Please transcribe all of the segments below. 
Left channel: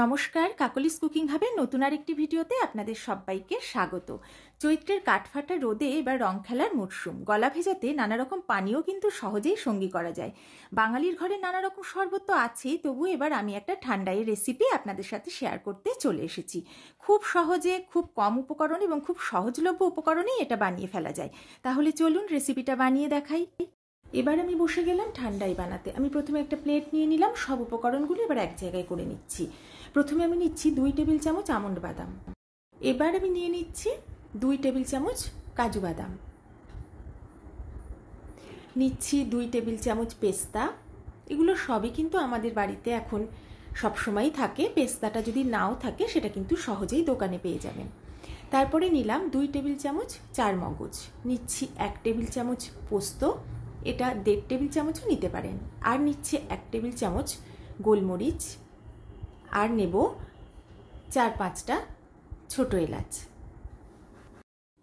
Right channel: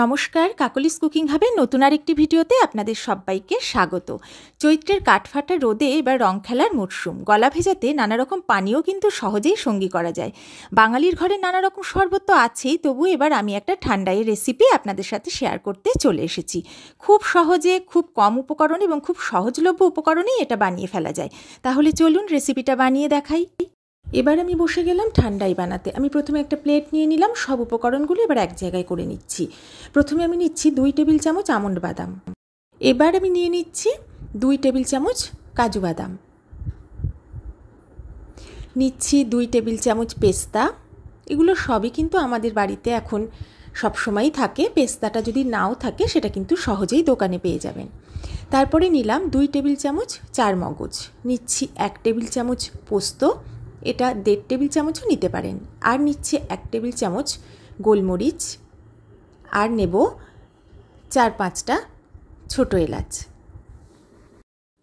নমস্কার, কাকলিস কুকিং হাবের নতুন আরেকটি ভিডিওতে আপনাদের সবাইকে স্বাগত। চৈত্রের কাঠফাটা রোদে এবার রং খেলার মরশুম। গলা ভেজাতে নানা রকম পানীয় কিন্তু সহজেই সঙ্গী করা যায়। বাঙালির ঘরে নানা রকম শরবত তো আছেই, তবু এবার আমি একটা ঠান্ডাইয়ের রেসিপি আপনাদের সাথে শেয়ার করতে চলে এসেছি। খুব সহজে, খুব কম উপকরণ এবং খুব সহজলভ্য উপকরণেই এটা বানিয়ে ফেলা যায়। তাহলে চলুন রেসিপিটা বানিয়ে দেখাই। এবার আমি বসে গেলাম ঠান্ডাই বানাতে। আমি প্রথমে একটা প্লেট নিয়ে নিলাম, সব উপকরণগুলো এবার এক জায়গায় করে নিচ্ছি। প্রথমে আমি নিচ্ছি 2 টেবিল চামচ আমন্ড বাদাম। এবার আমি নিয়ে নিচ্ছি 2 টেবিল চামচ কাজু বাদাম। নিচ্ছি 2 টেবিল চামচ পেস্তা। এগুলো সবই কিন্তু আমাদের বাড়িতে এখন সবসময়ই থাকে। পেস্তাটা যদি নাও থাকে সেটা কিন্তু সহজেই দোকানে পেয়ে যাবেন। তারপরে নিলাম 2 টেবিল চামচ চারমগজ। নিচ্ছি 1 টেবিল চামচ পোস্ত, এটা 1.5 টেবিল চামচও নিতে পারেন। আর নিচ্ছে 1 টেবিল চামচ গোলমরিচ, আর নেব 4-5টা ছোটো এলাচ।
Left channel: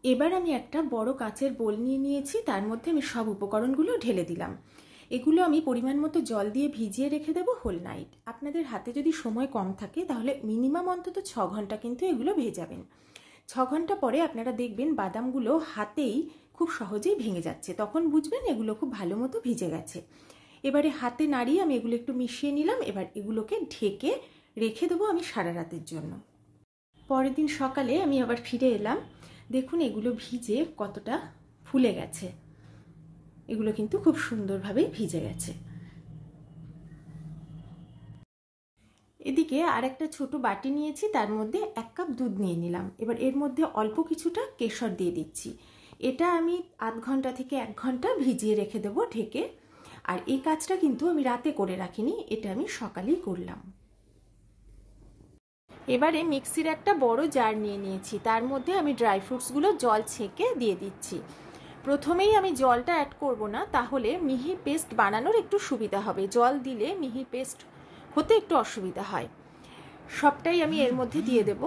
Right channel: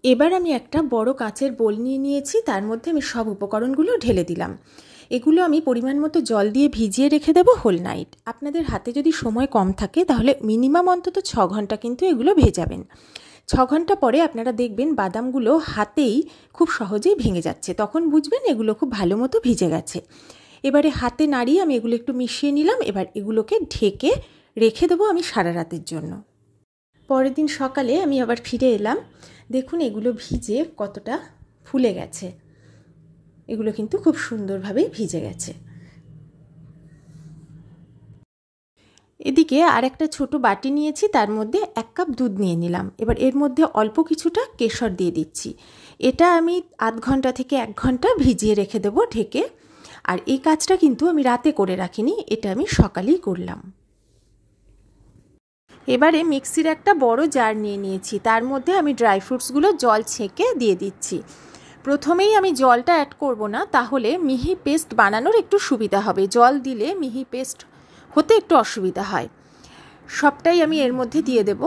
এবার আমি একটা বড় কাচের বোল নিয়ে নিয়েছি, তার মধ্যে আমি সব উপকরণগুলো ঢেলে দিলাম। এগুলো আমি পরিমাণ মতো জল দিয়ে ভিজিয়ে রেখে দেবো হোল নাইট। আপনাদের হাতে যদি সময় কম থাকে তাহলে মিনিমাম অন্তত 6 ঘন্টা কিন্তু এগুলো ভেজাবেন। 6 ঘন্টা পরে আপনারা দেখবেন বাদামগুলো হাতেই খুব সহজেই ভেঙে যাচ্ছে, তখন বুঝবেন এগুলো খুব ভালো মতো ভিজে গেছে। এবারে হাতে নাড়িয়ে আমি এগুলো একটু মিশিয়ে নিলাম। এবার এগুলোকে ঢেকে রেখে দেবো আমি সারা রাতের জন্য। পরের দিন সকালে আমি আবার ফিরে এলাম। দেখুন এগুলো ভিজে কতটা ফুলে গেছে। এগুলো কিন্তু খুব সুন্দরভাবেই ভিজে গেছে। এদিকে আর একটা ছোটো বাটি নিয়েছি, তার মধ্যে 1 কাপ দুধ নিয়ে নিলাম। এবার এর মধ্যে অল্প কিছুটা কেশর দিয়ে দিচ্ছি। এটা আমি আধ ঘন্টা থেকে 1 ঘন্টা ভিজিয়ে রেখে দেবো ঢেকে। আর এই কাজটা কিন্তু আমি রাতে করে রাখিনি, এটা আমি সকালেই করলাম। এবারে মিক্সির একটা বড় জার নিয়ে নিয়েছি, তার মধ্যে আমি ড্রাই ফ্রুটসগুলো জল ছেঁকে দিয়ে দিচ্ছি। প্রথমেই আমি জলটা অ্যাড করব না, তাহলে মিহি পেস্ট বানানোর একটু সুবিধা হবে। জল দিলে মিহি পেস্ট হতে একটু অসুবিধা হয়। সবটাই আমি এর মধ্যে দিয়ে দেব।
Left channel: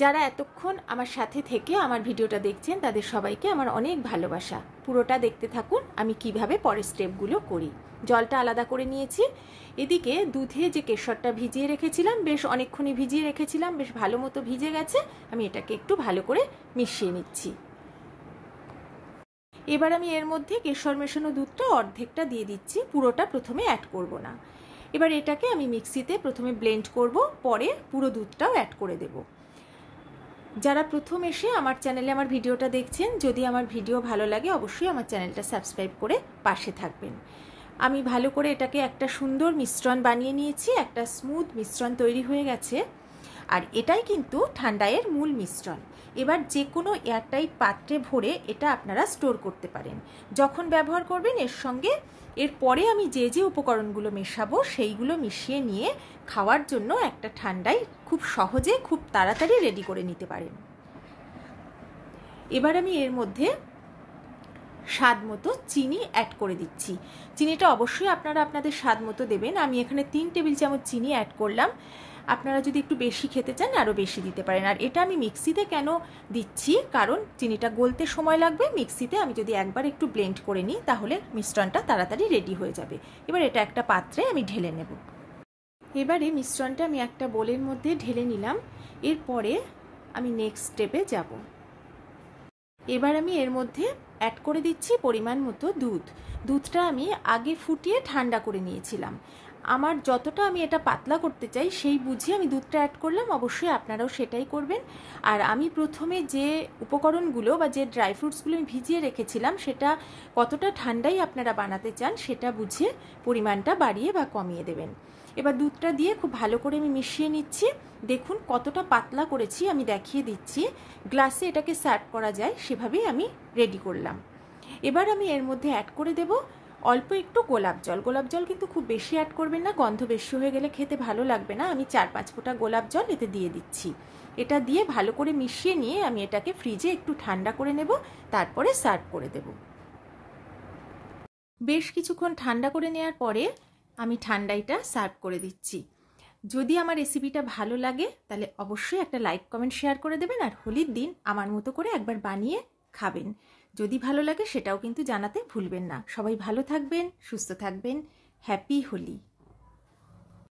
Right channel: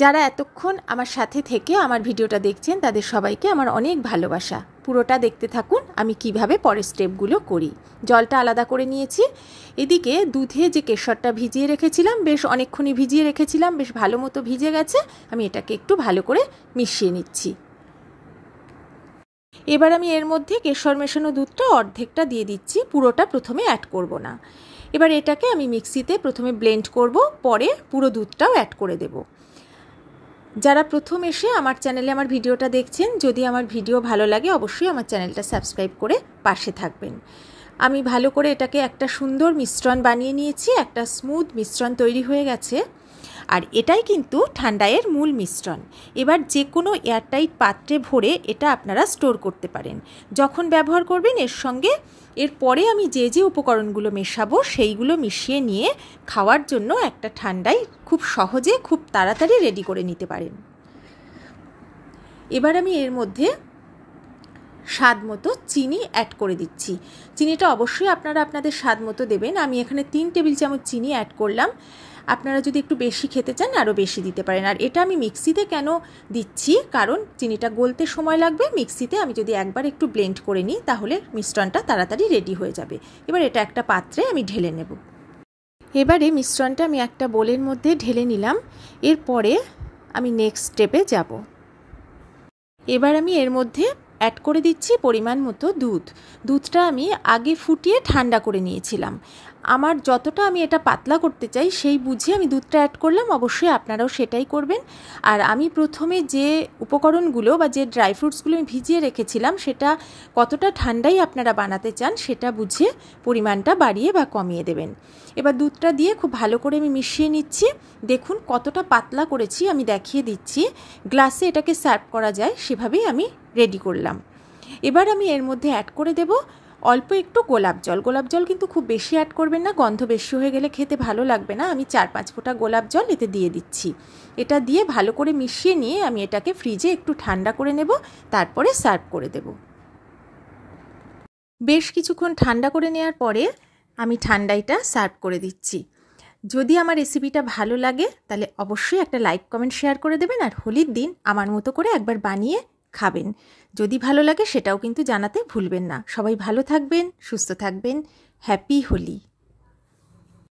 যারা এতক্ষণ আমার সাথে থেকে আমার ভিডিওটা দেখছেন তাদের সবাইকে আমার অনেক ভালোবাসা। পুরোটা দেখতে থাকুন আমি কিভাবে পরের স্টেপগুলো করি। জলটা আলাদা করে নিয়েছি। এদিকে দুধে যে কেশরটা ভিজিয়ে রেখেছিলাম, বেশ অনেকক্ষণই ভিজিয়ে রেখেছিলাম, বেশ ভালো মতো ভিজে গেছে। আমি এটাকে একটু ভালো করে মিশিয়ে নিচ্ছি। এবার আমি এর মধ্যে কেশর মেশানো দুধটা অর্ধেকটা দিয়ে দিচ্ছি, পুরোটা প্রথমে অ্যাড করব না। এবার এটাকে আমি মিক্সিতে প্রথমে ব্লেন্ড করব, পরে পুরো দুধটাও অ্যাড করে দেব। যারা প্রথম এসে আমার চ্যানেলে আমার ভিডিওটা দেখছেন, যদি আমার ভিডিও ভালো লাগে অবশ্যই আমার চ্যানেলটা সাবস্ক্রাইব করে পাশে থাকবেন। আমি ভালো করে এটাকে একটা সুন্দর মিশ্রণ বানিয়ে নিয়েছি, একটা স্মুথ মিশ্রণ তৈরি হয়ে গেছে। আর এটাই কিন্তু ঠান্ডাইয়ের মূল মিশ্রণ। এবার যে কোনো এয়ারটাইট পাত্রে ভরে এটা আপনারা স্টোর করতে পারেন। যখন ব্যবহার করবেন এর সঙ্গে এরপরে আমি যে যে উপকরণগুলো মেশাবো সেইগুলো মিশিয়ে নিয়ে খাওয়ার জন্য একটা ঠান্ডাই খুব সহজে খুব তাড়াতাড়ি রেডি করে নিতে পারেন। এবার আমি এর মধ্যে স্বাদ মতো চিনি অ্যাড করে দিচ্ছি। চিনিটা অবশ্যই আপনারা আপনাদের স্বাদ মতো দেবেন। আমি এখানে 3 টেবিল চামচ চিনি অ্যাড করলাম। আপনারা যদি একটু বেশি খেতে চান আরও বেশি দিতে পারেন। আর এটা আমি মিক্সিতে কেন দিচ্ছি, কারণ চিনিটা গলতে সময় লাগবে। মিক্সিতে আমি যদি একবার একটু ব্লেন্ড করে নিই তাহলে মিশ্রণটা তাড়াতাড়ি রেডি হয়ে যাবে। এবার এটা একটা পাত্রে আমি ঢেলে নেব। এবারে মিশ্রণটা আমি একটা বোলের মধ্যে ঢেলে নিলাম। এরপরে আমি নেক্সট স্টেপে যাব। এবার আমি এর মধ্যে অ্যাড করে দিচ্ছি পরিমাণ মতো দুধ। দুধটা আমি আগে ফুটিয়ে ঠান্ডা করে নিয়েছিলাম। আমার যতটা আমি এটা পাতলা করতে চাই সেই বুঝে আমি দুধটা অ্যাড করলাম। অবশ্যই আপনারাও সেটাই করবেন। আর আমি প্রথমে যে উপকরণগুলো বা যে ড্রাই ফ্রুটসগুলো আমি ভিজিয়ে রেখেছিলাম সেটা কতটা ঠান্ডাই আপনারা বানাতে চান সেটা বুঝে পরিমাণটা বাড়িয়ে বা কমিয়ে দেবেন। এবার দুধটা দিয়ে খুব ভালো করে আমি মিশিয়ে নিচ্ছি। দেখুন কতটা পাতলা করেছি, আমি দেখিয়ে দিচ্ছি। গ্লাসে এটাকে সার্ভ করা যায় সেভাবেই আমি রেডি করলাম। এবার আমি এর মধ্যে অ্যাড করে দেব অল্প একটু গোলাপ জল। গোলাপ জল কিন্তু খুব বেশি অ্যাড করবেন না, গন্ধ বেশি হয়ে গেলে খেতে ভালো লাগবে না। আমি 4-5 ফোঁটা গোলাপ জল এতে দিয়ে দিচ্ছি। এটা দিয়ে ভালো করে মিশিয়ে নিয়ে আমি এটাকে ফ্রিজে একটু ঠান্ডা করে নেব, তারপরে সার্ভ করে দেব। বেশ কিছুক্ষণ ঠান্ডা করে নেওয়ার পরে আমি ঠান্ডাইটা সার্ভ করে দিচ্ছি। যদি আমার রেসিপিটা ভালো লাগে তাহলে অবশ্যই একটা লাইক কমেন্ট শেয়ার করে দেবেন। আর হোলির দিন আমার মতো করে একবার বানিয়ে খাবেন। যদি ভালো লাগে সেটাও কিন্তু জানাতে ভুলবেন না। সবাই ভালো থাকবেন, সুস্থ থাকবেন। হ্যাপি হোলি।